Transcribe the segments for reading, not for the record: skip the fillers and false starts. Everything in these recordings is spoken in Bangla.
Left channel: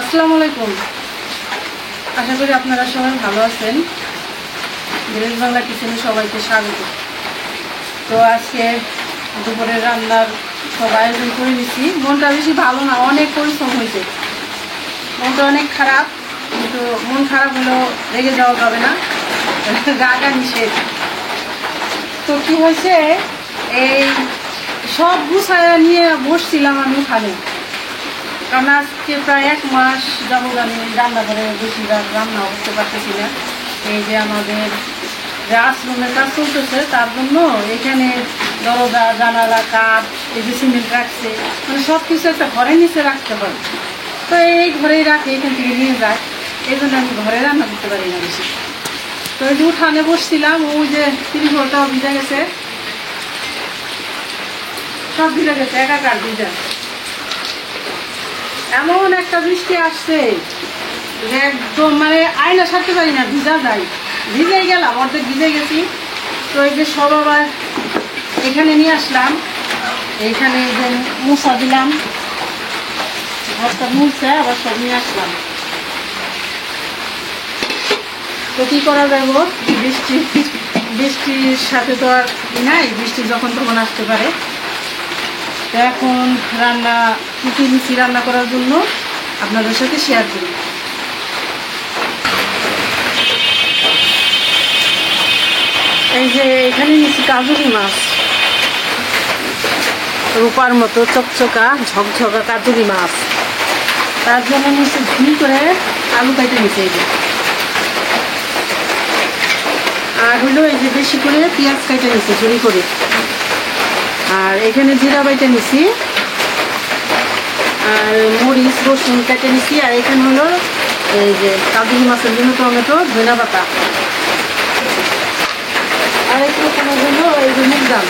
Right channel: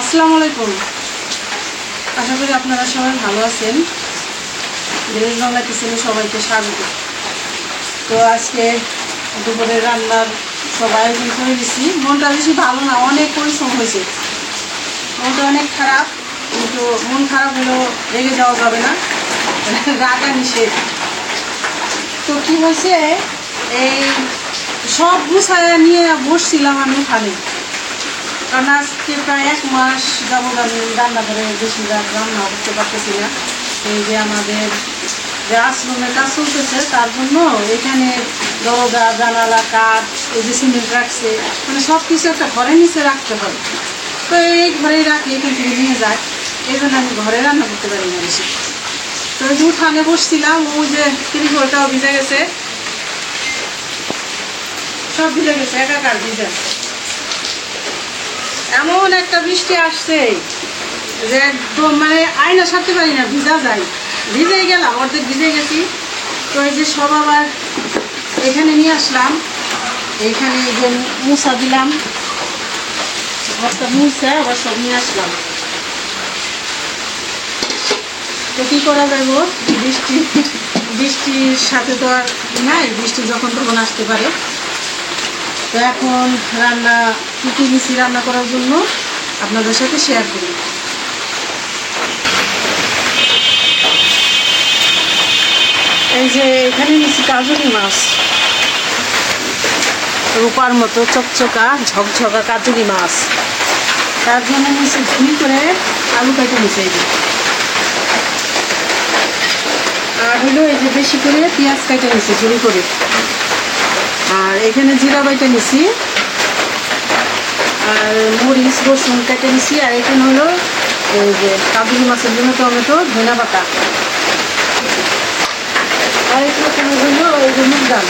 আসসালামু আলাইকুম। আশা করি আপনারা সবাই ভালো আছেন। ভিলেজ বাংলা কিচেনে সবাইকে স্বাগত। তো আজকে দুপুরের রান্নার সব আয়োজন করে দিচ্ছি। মনটা বেশি ভালো না, অনেক পরিশ্রম হয়েছে, মনটা অনেক খারাপ। কিন্তু মন খারাপ হলেও রেগে যাওয়া যাবে না, রাগা নিষেধ। তো কি হয়েছে, এই সব গুছায় নিয়ে বসছিলাম আমি ওখানে, কারণ আজকে প্রায় 1 মাস যাবত আমি রান্না করে বেশিরভাগ রান্না করতে পারতেছি না। এই যে আমাদের যে আশ্রমের কাজ চলতেছে, তার জন্য এখানে দরজা জানালা কাঠ, এই যে সিমেন্ট রাখছে, মানে সব কিছু একটা ঘরের নিচে রাখতে হবে। তো এই ঘরে রাখি, এখান থেকে নিয়ে যায়, এই জন্য আমি ঘরে রান্না করতে পারি না বেশি। তো ওই যে উঠানে বসছিলাম, ওই যে 30 ঘরটাও ভিজে গেছে, সব ভিজে গেছে, একাকার ভিজা। এমন একটা বৃষ্টি আসছে যে একদম মানে আয়না ছাড়তে পারি না, ভিজা যায়, ভিজেই গেলাম, অর্ধেক ভিজে গেছি। তো এই যে সব আবার এখানে নিয়ে আসলাম, এইখানে যে মুছা দিলাম, ঘরটা মুছে আবার সব নিয়ে আসলাম। তো কি করা যাবে, বৃষ্টির সাথে তো আর নাই, বৃষ্টি যখন তখন আসতে পারে। তো এখন রান্না কি কি নিচ্ছি রান্না করার জন্য আপনাদের সাথে শেয়ার করি। এই যে এখানে নিচ্ছি কাজুরি মাছ, রূপার মতো চকচকা ঝকঝকা কাজুরি মাছ। তার জন্য নিচ্ছি ঝুনি করে আলু কাইটে নিচ্ছে, এই যে, আর হলো এই যে বেশি করে পেঁয়াজ কাইটে নিচ্ছে ঝুড়ি করে, আর এখানে জিরা বাইটে নিছি, আর মরিচ রসুন কেটে নিছি, আর এখানে হলো এই যে কাজুরি মাছের জন্য টমেটো ধনিয়া পাতা, আর এখানে জন্য এই যে মুগ ডাল।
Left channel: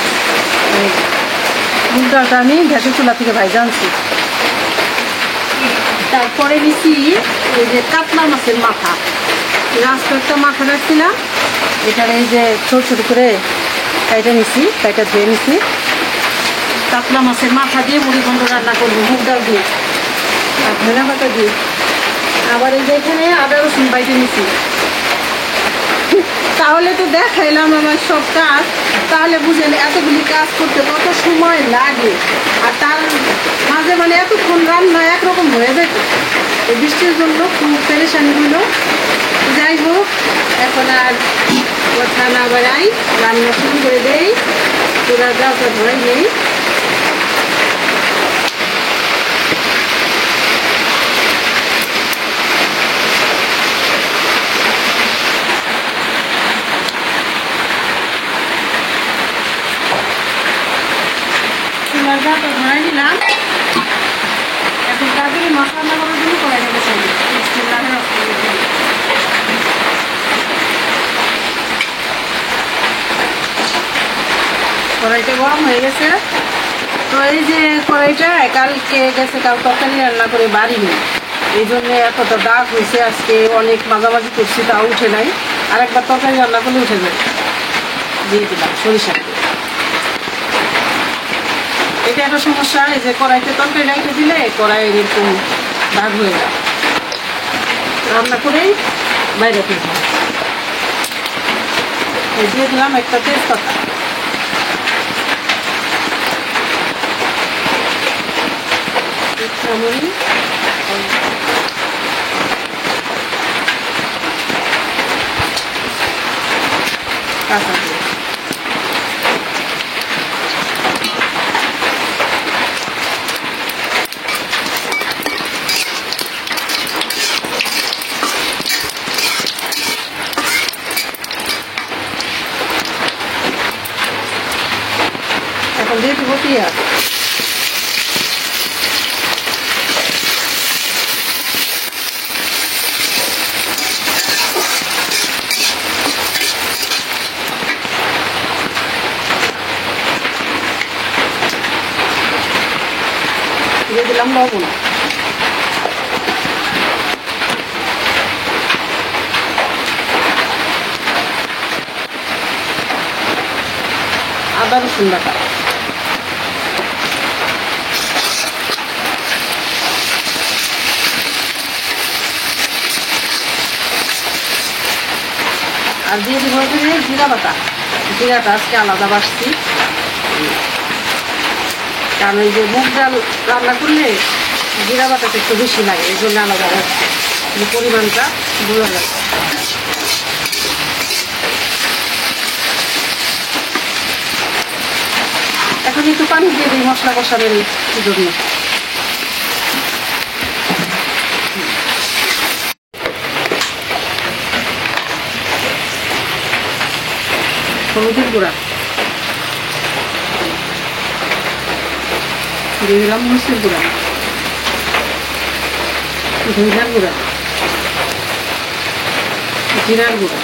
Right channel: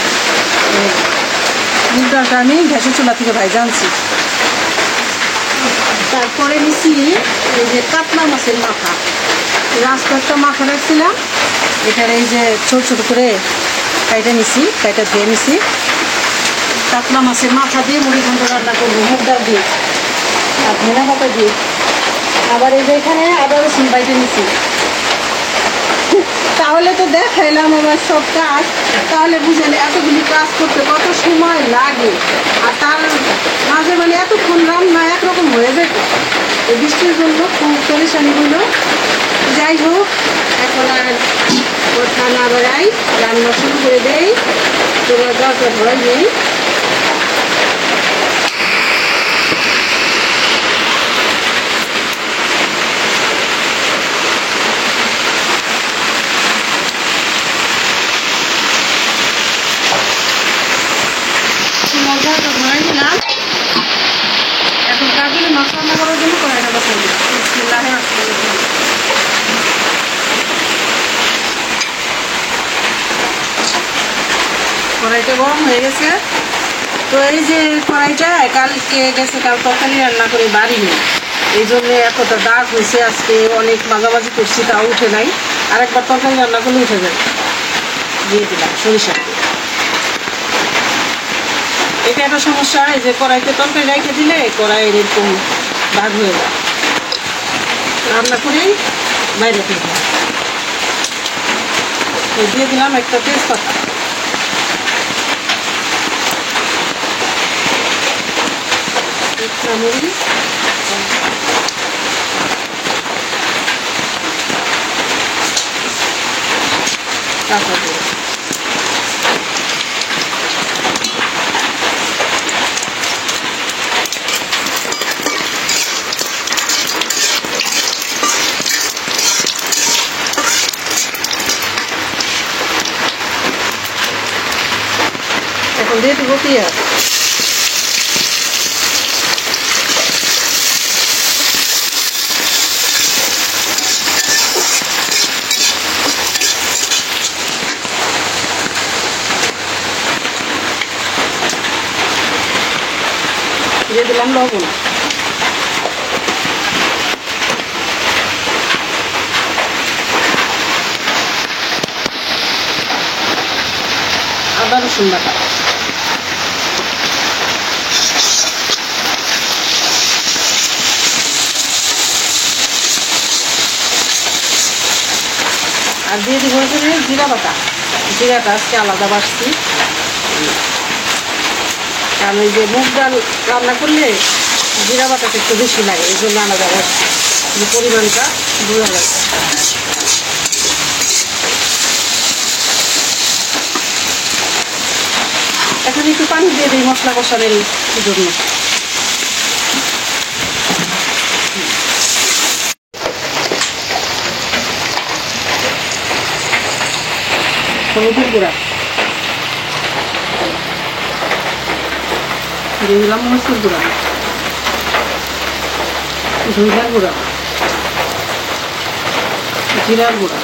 মুগ ডালটা আমি গ্যাসের চুলা থেকে ভাইজা আনছি। তারপরে নিছি এই যে কাতলা মাছের মাথা, আস্ত একটা মাথা রাখছিলাম, এটার এই যে ছোট ছোট করে কাইটা নিছি, কাইটা ধুয়ে নিছি। কাতলা মাছের মাথা দিয়ে মুড়ি ঘন্ট রান্না করবো, মুগ ডাল দিয়ে আর ধনিয়া পাতা দিয়ে। আবার এই যে এখানে আদা রসুন বাইটে নিছি। তাহলে তো দেখাইলাম আমার সব কাজ, তাহলে বুঝেন এতগুলি কাজ করতে কত সময় লাগে, আর তার মাঝে মানে এতক্ষণ রান্না একরকম হয়ে যেত। এই বৃষ্টির জন্য খুব পেরেশানি হইল। যাই হোক, এখন আর কথা না বাড়াই, রান্না শুরু করে দেই। তোরা গাছটা ধরাই নেই। ধরাই দিলাম। এখন কাজুরি মাছ রান্না করার জন্য কড়াইটা বসাই দিই। কড়াইটা গরম হয়ে গেছে। তো এই যে কড়াইটা কালকে গেছে, কাল তরকারি রান্না করে বাড়ি নেই, এই জন্য এতটা দাগ হয়েছে। আজকে অনেক মাঝামাঝি করছি, তাও উঠে নাই। আর একবার তরকারি রান্না করলে উঠে যাবে। দিয়ে দিলাম সরিষা। এটা একটা সমস্যা, এই যে কড়াইতে তরকারি রাইখে দিলে কড়াই এরকম দাগ হয়ে যায়, রান্না করেই বাইরে ফেলতে হয়। দিয়ে দিলাম একটা তেজপাতা, মরিচ, কাঁচা পেঁয়াজ। এখন দিয়ে দিব পেঁয়াজ। দিয়ে দিলাম লবণ। আদা রসুন বাটা, আর দিয়ে দিব এখানে জিরা বাটা। জিরাটা আজকে আলাদা বাটছি, কারণ এই যে মুগ ডাল রান্না করলে জিরা বাটাটা একটু বেশি লাগে, এই জন্য আলাদা বাটছি, পরিমাণটা বোঝা যায়। এখন একটু পানি দিয়ে দিই মশলা কষানোর জন্য। হলুদের গুঁড়া দিয়ে দিলাম, মরিচের গুঁড়া, ধনিয়ার গুঁড়া, জিরার গুঁড়া,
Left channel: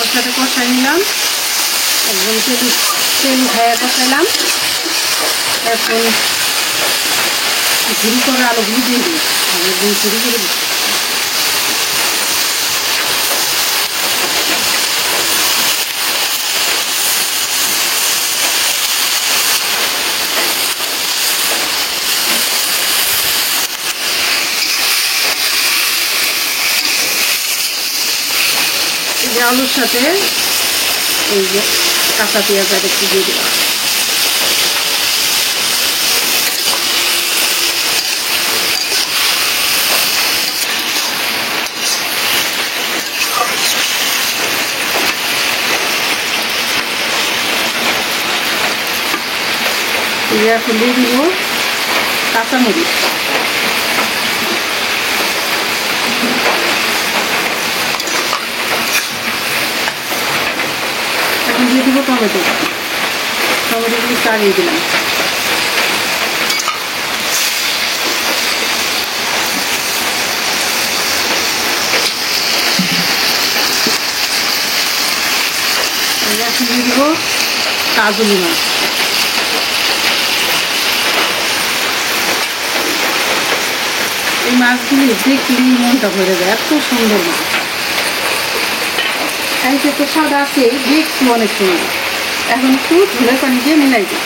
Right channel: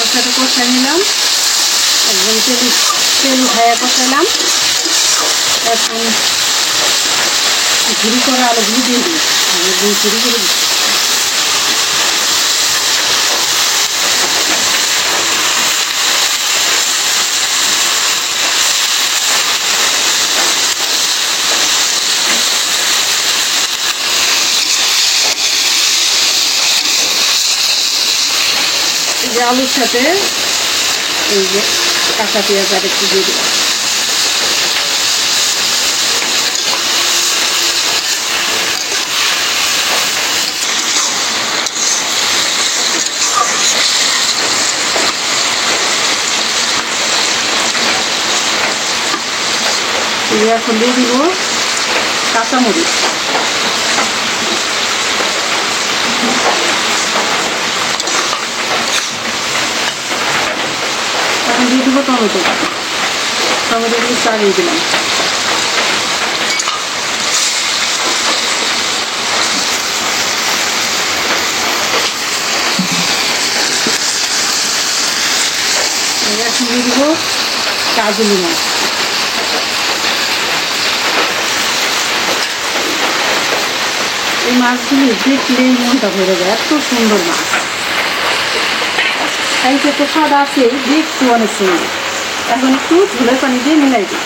মশলাটা কষাই নিলাম, একদম তেল উঠাইয়া কষাইলাম। এখন ঝুড়ি করে আলুগুলো দিয়ে দিই, একদম ঝুড়ি করে দিই। এই যে আলুর সাথে এই যে কাঁচা পেঁয়াজ আর একটু দিয়ে দিলাম। এখন দিয়ে দিব কাঁচামরিচ, এখন দিয়ে দিব টমেটো, টমেটোগুলো চালিয়ে দিলাম। এখন দিয়ে দিব কাজলি মাছ, এই মাছগুলি দেখলেই মনটা ভরে যায়, এত সুন্দর মাছ। খাইতে তো স্বাদ আছে, দেখতে অনেক সুন্দর। এখন একটু ঝোলের পানি দিয়ে মিলাই দিই।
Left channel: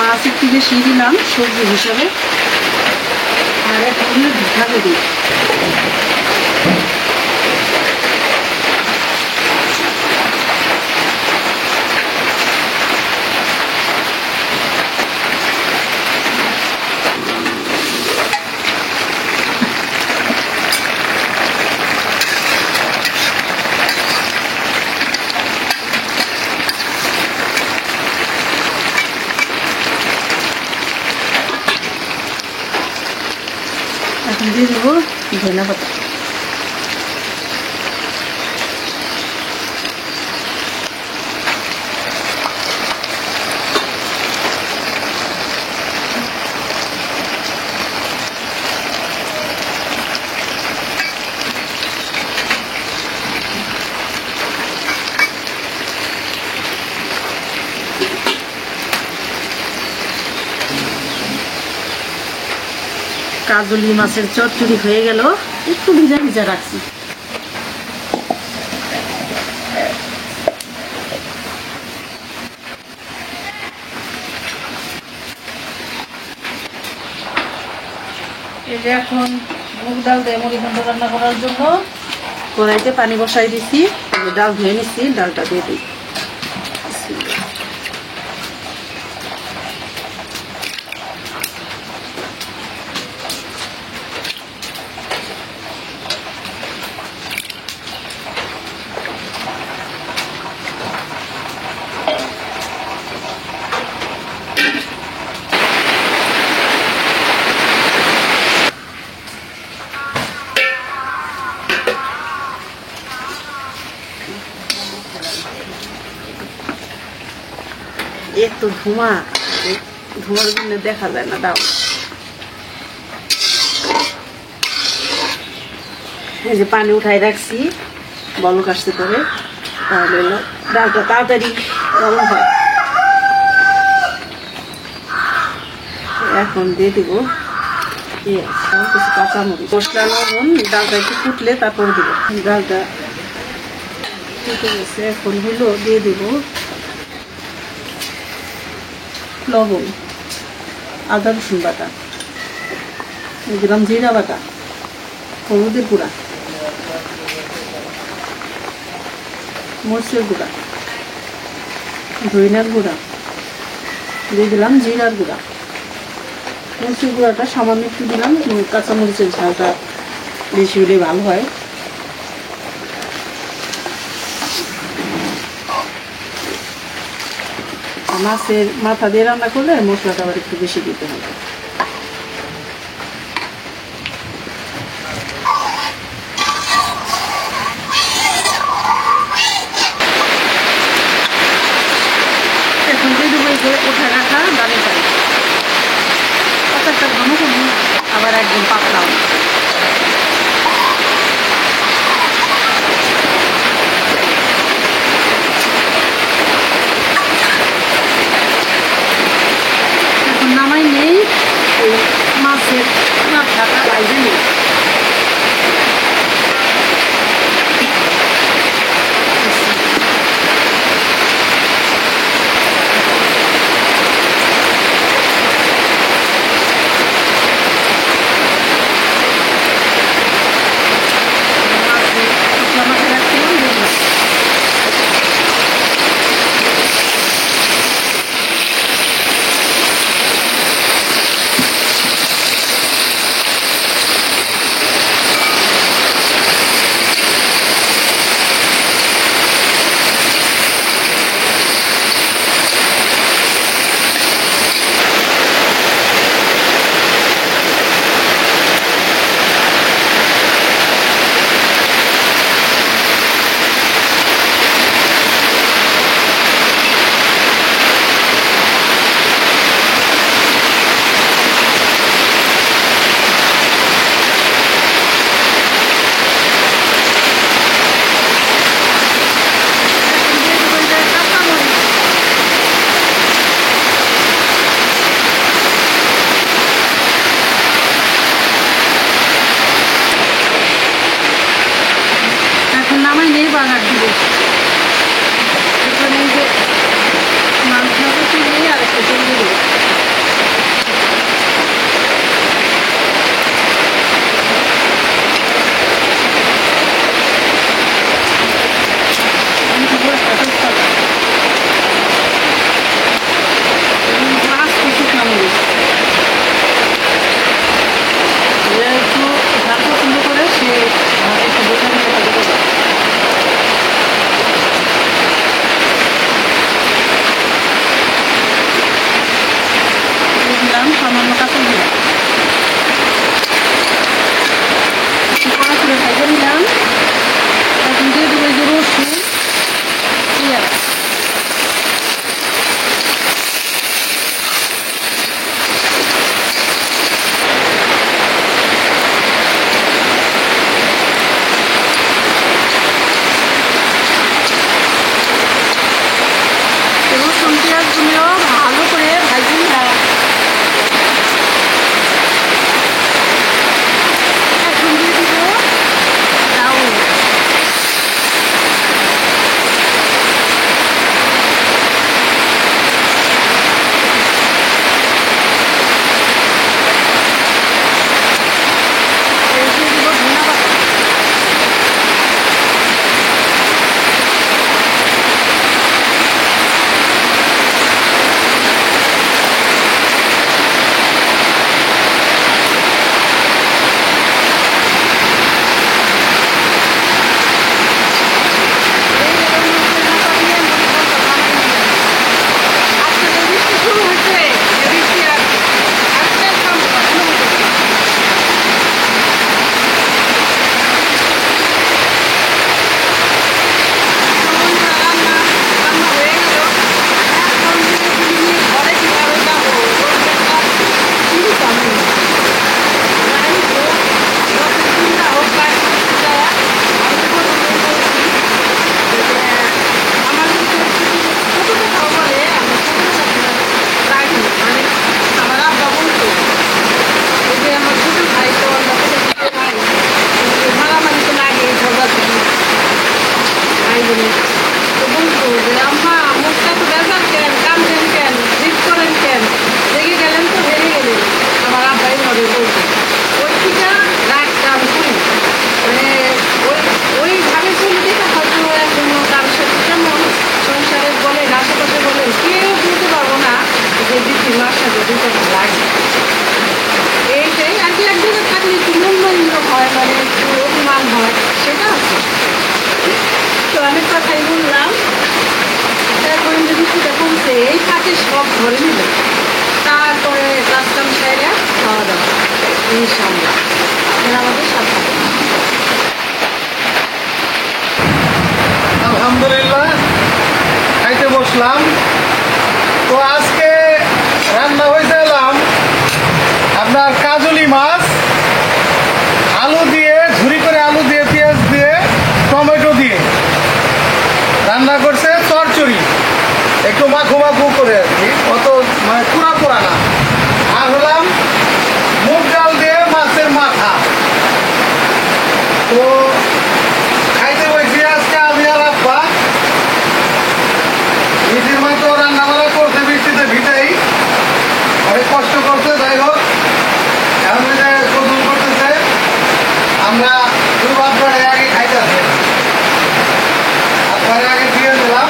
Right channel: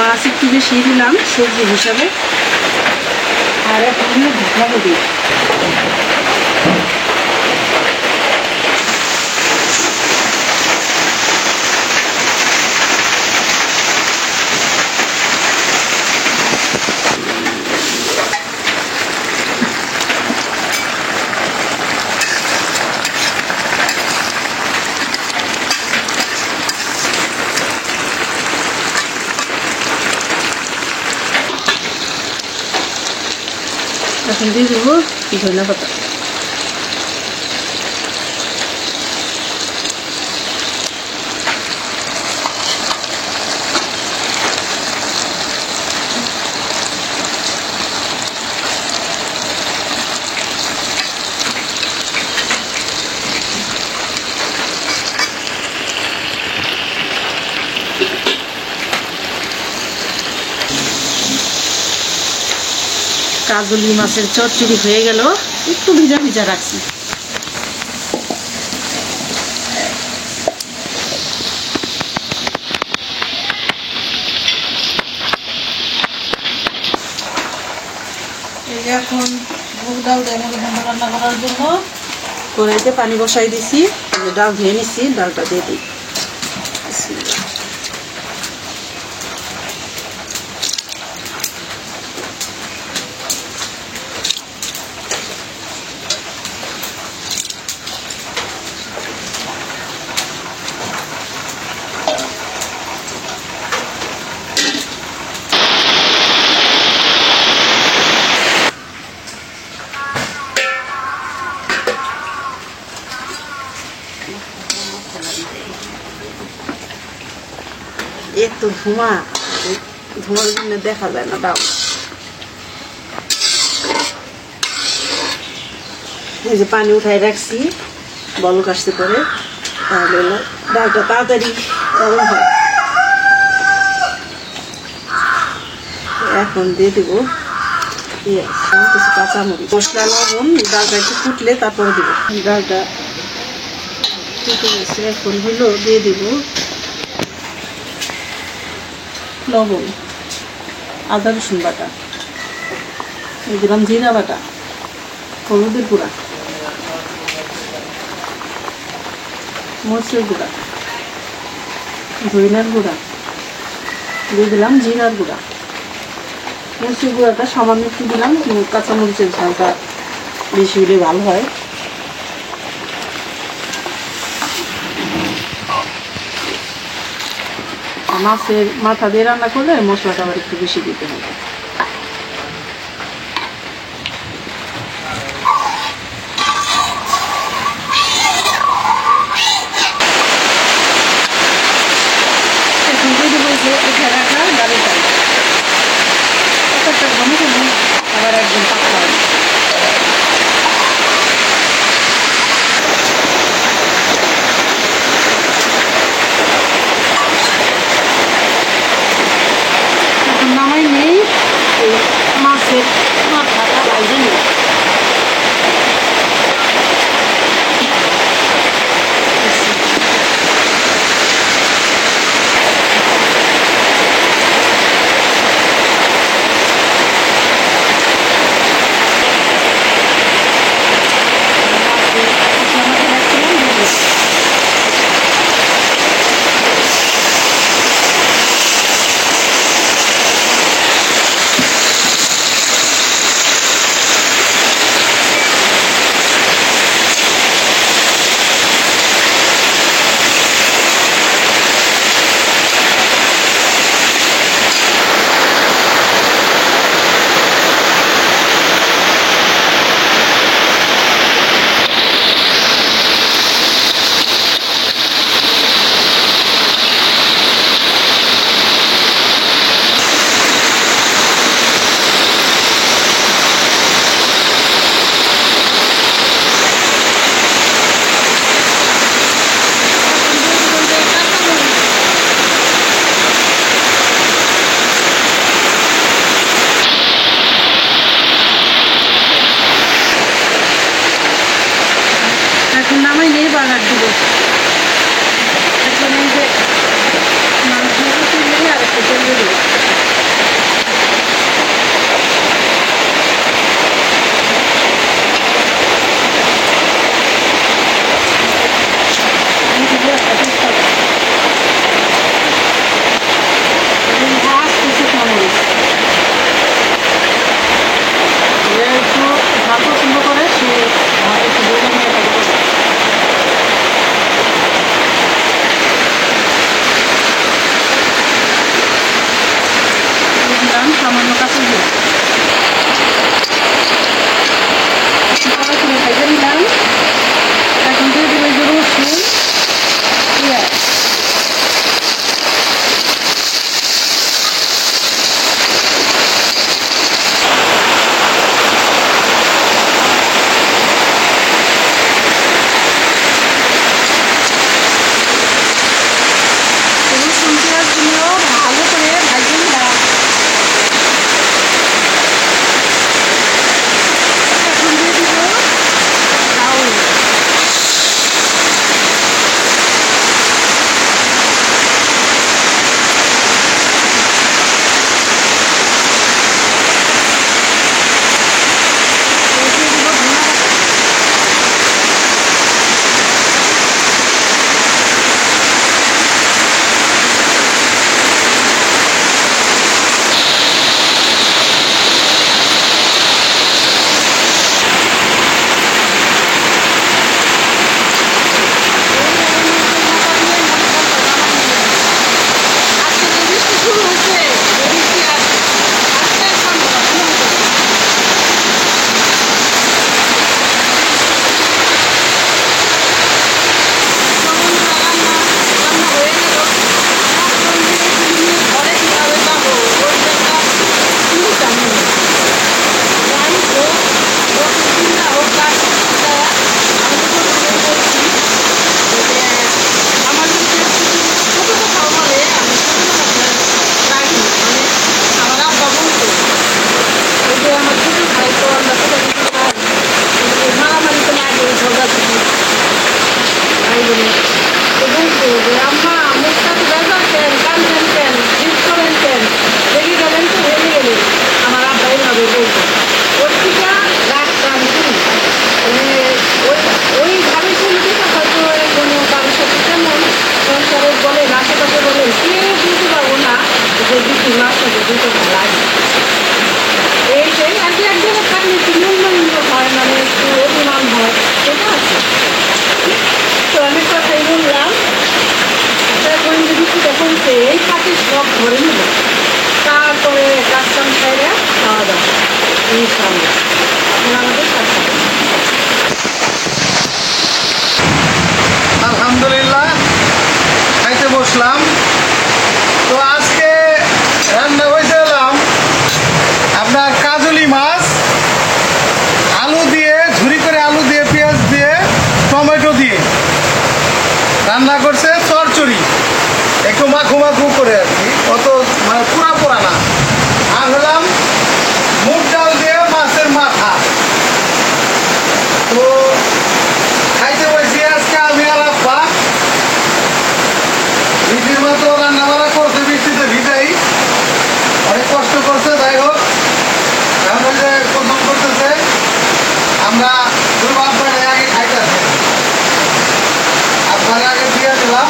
মাছ একটু বেশি দিলাম সবজি হিসাবে, আর এখন ঢাকা দিই। এখন দিয়ে দিব ধনিয়া পাতা, কাজলি মাছের চচ্চড়ি হয়ে গেল। একটু ভিজা ভিজা রাখছি। এই যে এখন মুগ ডাল দিয়ে মুড়িঘণ্ট রান্না করার জন্য কড়াইতে পানি বসাই দিছি, ডাল ধুয়ে নিচ্ছি, ডালটা দিয়ে দিই। এত ধোঁয়া, ধোঁয়ার জন্য দেখা যায় না। দাও, এই যে পানি উঠাই রাখছি, বলক আসতে পরে, তাহলে ডালটা তাড়াতাড়ি গরম হয়। এখন দিয়ে দিব কিছু কাঁচামরিচ, মশলা, লবণ। ডালটা একটু ফুটলে তারপরে দিব। ডালটা ফুটে গেছে, এখন হলো দিয়ে দিব লবণ, আদা রসুন বাটা, দিলাম জিরা বাটা, হলুদের গুঁড়া, মরিচের গুঁড়া, ধনিয়ার গুঁড়া, দিয়ে দিলাম জিরার গুঁড়া। মরিচের গুঁড়াটা সামান্য একটু দিলাম, কাঁচামরিচের ঝালটা বেশি হলে ভালো হয়। মাছের মাথা দিয়ে রান্না করলে মশলাটা আবার একটু বেশি দিতে হবে। এখন দিয়ে দেবো এই যে উঠে রাখা ডালের চাল, একটা ঘন ঘন, আবার একদম পাতলা। নামাই নেই, এই মাছের মাথাটা বাইরে নেই। নামাই নেই, বাগার দিব। এখন এই যে মাংসটা তুলে আর একটু তেল দিয়ে দেবো। একটু ঝাল পছন্দ করে সে ভাত একটু বোঝা নিয়ে থাকবে। ভাই বোনের। তো বলতো যে আম্মা মুখটা তো বেজার কেন, কান্দেন কেন, জিদ করেন কেন, রেগে গেলেন তো হেরে গেলেন। আমার আব্বা এইভাবে বলতো। ওই থেকে রাগটা আমি করি না। মানে ওই ওইভাবে চলে যেটা হয়তো এখনো কারোর সাথে যেমন সংসারে বলেন, আশেপাশে বলেন, কেউ বুঝতে পারবো না যে দিদির মার সাথে দুটো লাগে। এইটাই আর কি, এক জায়গায় থাকলে একটু মূল্যহীন হয়, মানে একটু অভিমান হয়, সেটা আছে। তো অনেক কথাই বললাম। এখন যে বৃষ্টিটা কমছে এই ফাঁকে সব ধরে নিল, তারপরে কাজ কাম খাইলে খাওয়া দাওয়া ইনশাআল্লাহ। আপনারা আমাদের সাথে থাকুন। আলহামদুলিল্লাহ খাইতে বসলাম। তো আজকে রান্না হয়েছে আপনার কাজলি মাছ, আলু দিয়ে ঝুরি করে, আলু দিয়ে, পেঁয়াজ দিয়ে, টমেটো দিয়ে রান্না করছে। চচ্চড়ি একটু মাখু মাখু করে আর কি, অত মানে পুরা পোড়া না। আর হলাম মুগ ডাল দিয়ে মাছের মাথা। তো খাইতে বসি আজকে আমি আর আব্বা। বৃষ্টির মতো রান্না বান্না করছে, বৃষ্টিতে ভিজেই অনেক কষ্ট করছে। যাই হোক, এখন ওই যে গোসল করতেছে, আমরা শুধু আব্বারে আগে খাইতেছে, আব্বারে আগে দিয়ে দিলাম।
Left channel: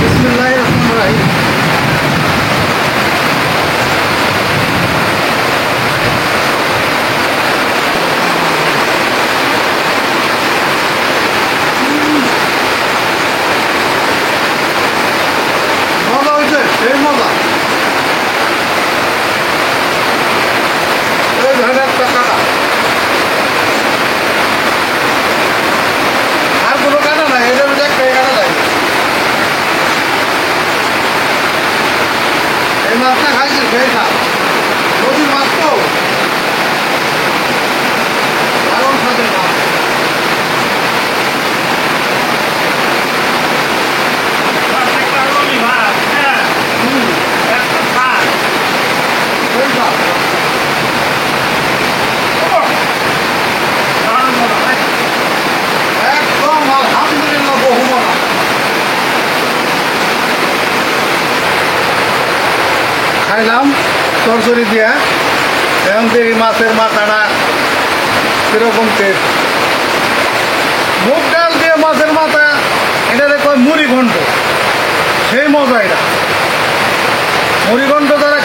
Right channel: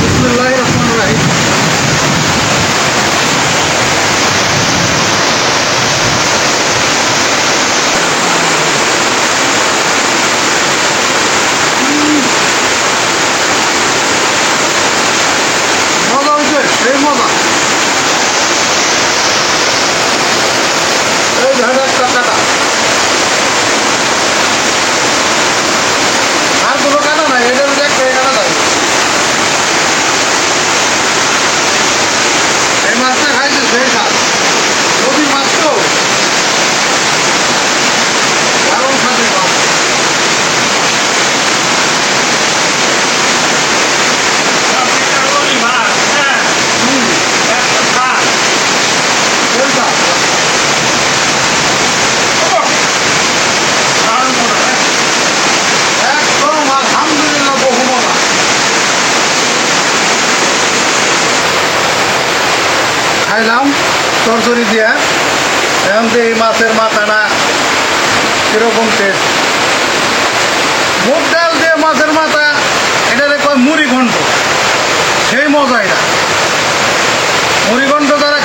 বিসমিল্লাহির রহমানির রহিম। মজা হয়েছে, সেই মজা। এই ধরনের টাকাটা আর কোনো কাটা নাই, এটা একটা কাটা যায়। এই মাছটা খাইছে সেই স্বাদ, নদীর মাছ তো দারুণ স্বাদের মাছ। সেই স্বাদ। একদম আলহামদুলিল্লাহ বহু মজা। খাইলাম চরচরি দিয়া। এখন তো এই মাছের মাথাটা কিরকম টেস্ট। মুগ ডাল দিয়ে মাছের মাথা, এটা মুড়ি ঘন্ট, সেই মজা। এটা মুড়ি ঘন্ট যারা